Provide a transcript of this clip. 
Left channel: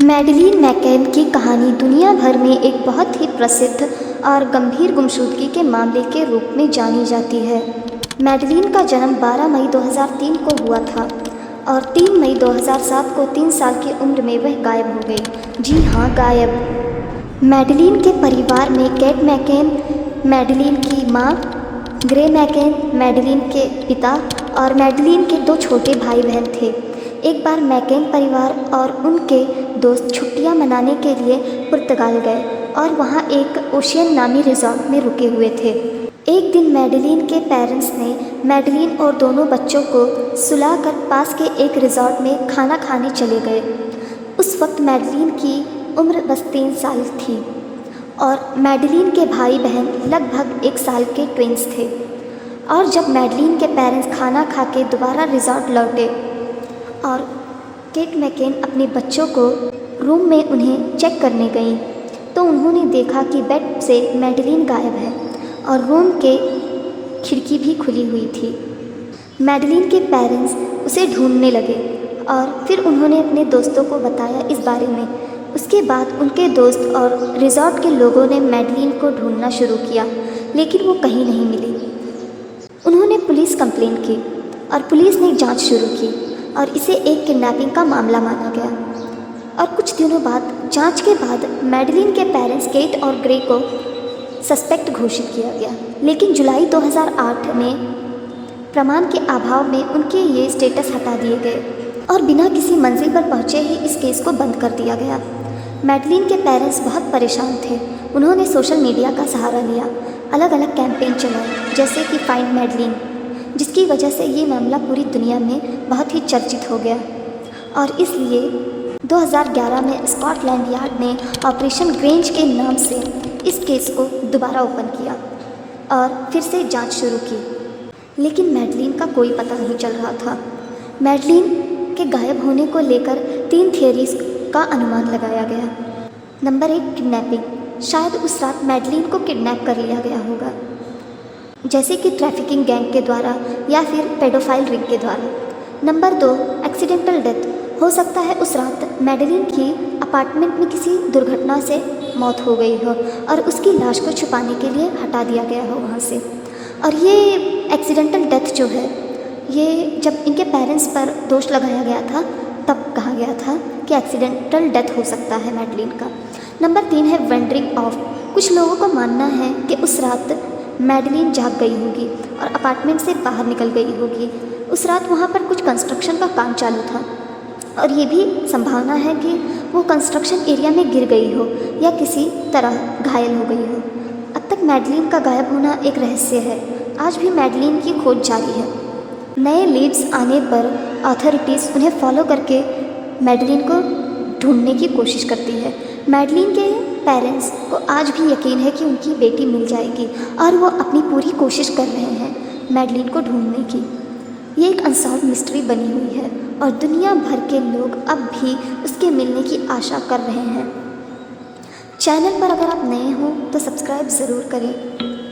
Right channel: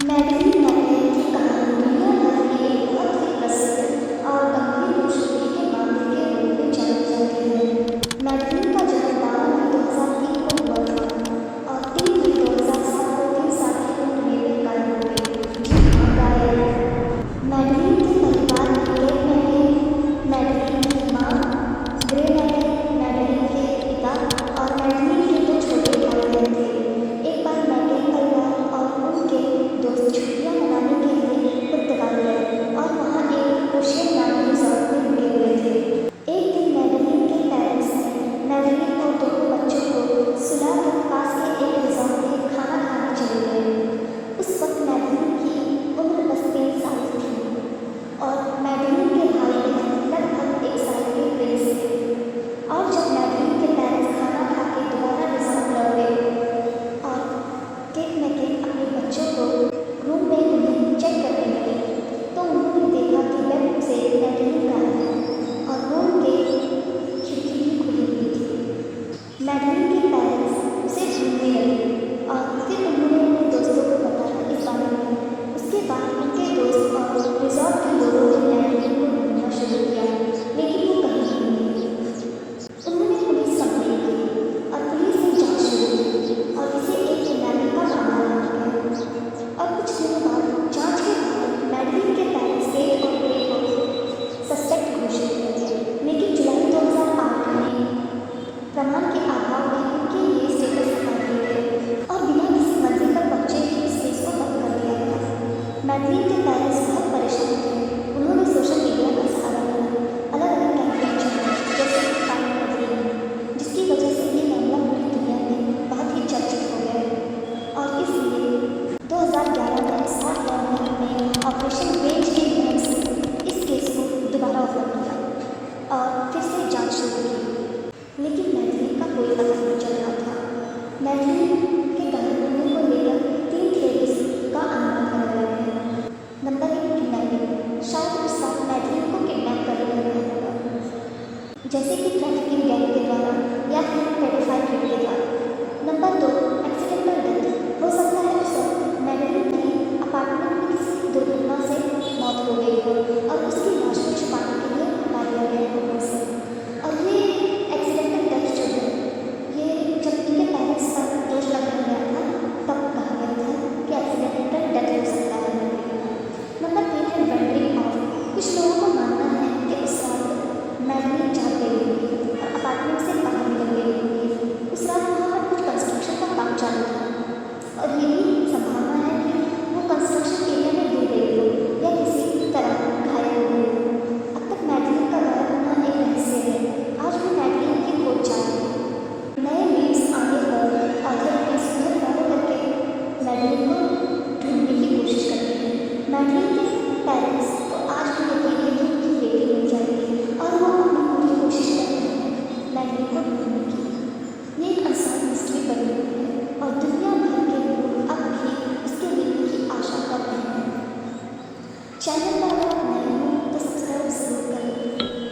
Madeline McCain की कहानी दुनिया भर में एक बहुत ही प्रसिद्ध और गंभीर गुमशुदगी के मामले के रूप में जानी जाती है। मैडलीन का जन्म 12 मई 2003 को हुआ था और 3 मई 2007 को 3 साल की उम्र में वह गायब हो गई। जी हाँ, गायब। मैडलीन के परिवार में केट मैककेन, मैडलीन की माँ, ग्रे मैककेन, मैडलीन के पिता और मैडलीन के 2 छोटे भाई बहन थे। एक बार मैककेन परिवार और उनके दोस्त छुट्टियां मनाने के लिए पुर्तगाल गए और वहां एक ओशियन नामी रिजॉर्ट में रुके हुए थे। एक दिन मैडलीन के पेरेंट्स ने मैडलीन और दोनों बच्चों को सुलाकर पास के एक रिजॉर्ट में खाना खाने चले गए। उस वक्त मैडलीन की उम्र बस 3 साल थी और मैडलीन के भाई बहन लगभग 1 साल के ट्विंस थे। और जब मैडलीन के पेरेंट्स खाना खा के दोबारा रिजॉर्ट लौटे और केट मैककेन अपने बच्चों को रूम में उन्हें चेक करने गई तो उन्होंने देखा कि बेड से मैडलीन गायब है और रूम के खिड़की भी खुली हुई थी। मैडलीन के पेरेंट्स उसे ढूंढने लगे और फिर उन्होंने अपने दोस्तों को बताया इस बारे में। उसके बाद उनके दोस्त और रिजॉर्ट के लोगों ने मैडलीन को ढूंढना शुरू किया, लेकिन वो कहीं नहीं मिली। उन्होंने पुलिस कंप्लेंट की और पुलिस ने जांच शुरू की और इसे एक किडनैपिंग का मामला माना गया। और कुछ दिनों बाद जांच के बाद मैडलीन के पेरेंट्स केट और ग्रे को सस्पेक्ट घोषित किया गया, लेकिन जुलाई 2008 में प्रमाण के अभाव में उनके ये स्टेटस हटा दिए गए और बिना किसी मंजिल पर पहुंचे ही इस केस को बंद कर दिया गया। मैडलीन के पेरेंट्स बहुत परेशान थे। उन्होंने सोशल मीडिया का सहारा लिया, अलग अलग कैंपेन चलाए जैसे कि फाइंड मैडलीन, जिसकी वजह से ये मामला पूरी दुनिया में बहुत ही चर्चित हो गया। और इसलिए 2011 में स्कॉटलैंड यार्ड ने ऑपरेशन ग्रेंज के नाम से इस केस को दोबारा ओपन किया और फिर से जांच शुरू की, लेकिन मैडलीन का कोई पता नहीं चल रहा था। मैडलीन के गायब होने को लेकर 3 थियरीज का अनुमान लगाया गया। Number 1, kidnapping. शायद उस रात मैडलीन को किडनैप कर लिया गया होगा, जैसे कि ट्रैफिकिंग गैंग के द्वारा या फिर पेडोफाइल रिंग के द्वारा। Number 2, accidental death. हो सकता है उस रात मैडलीन की अपार्टमेंट में किसी दुर्घटना से मौत हो गई हो और उसकी लाश को छुपाने के लिए हटा दिया गया हो वहाँ से। और ये एक्सीडेंटल डेथ जो है, ये जब इनके पेरेंट्स पर दोष लगाया गया था तब कहा गया था कि एक्सीडेंटल डेथ हो सकता है मैडलीन का। नंबर 3 है वेंडरिंग ऑफ। कुछ लोगों का मानना है कि उस रात मैडलीन जाग गई होगी और अपार्टमेंट से बाहर निकल गई होगी। उस रात वहाँ पर कुछ कंस्ट्रक्शन का काम चालू था और ये भी संभावना है कि वो कंस्ट्रक्शन एरिया में गिर गई हो या किसी तरह घायल हो गई हो। अब तक मैडलीन का गायब होना एक रहस्य है। आज भी मैडलीन की खोज जारी है। नए लीड्स आने पर अथॉरिटीज़ उन्हें फॉलो करके मैडलीन को ढूंढने की कोशिश करती है। मैडलीन के पेरेंट्स को आज भी यकीन है कि उनकी बेटी मिल जाएगी और वो अपनी पूरी कोशिश कर रहे हैं मैडलीन को ढूंढने की। ये एक अनसॉल्व मिस्ट्री बनी हुई है और दुनिया भर के लोग अब भी उसके मिलने की आशा कर रहे हैं। चैनल पर अगर आप नए हो तो सब्सक्राइब ज़रूर करें।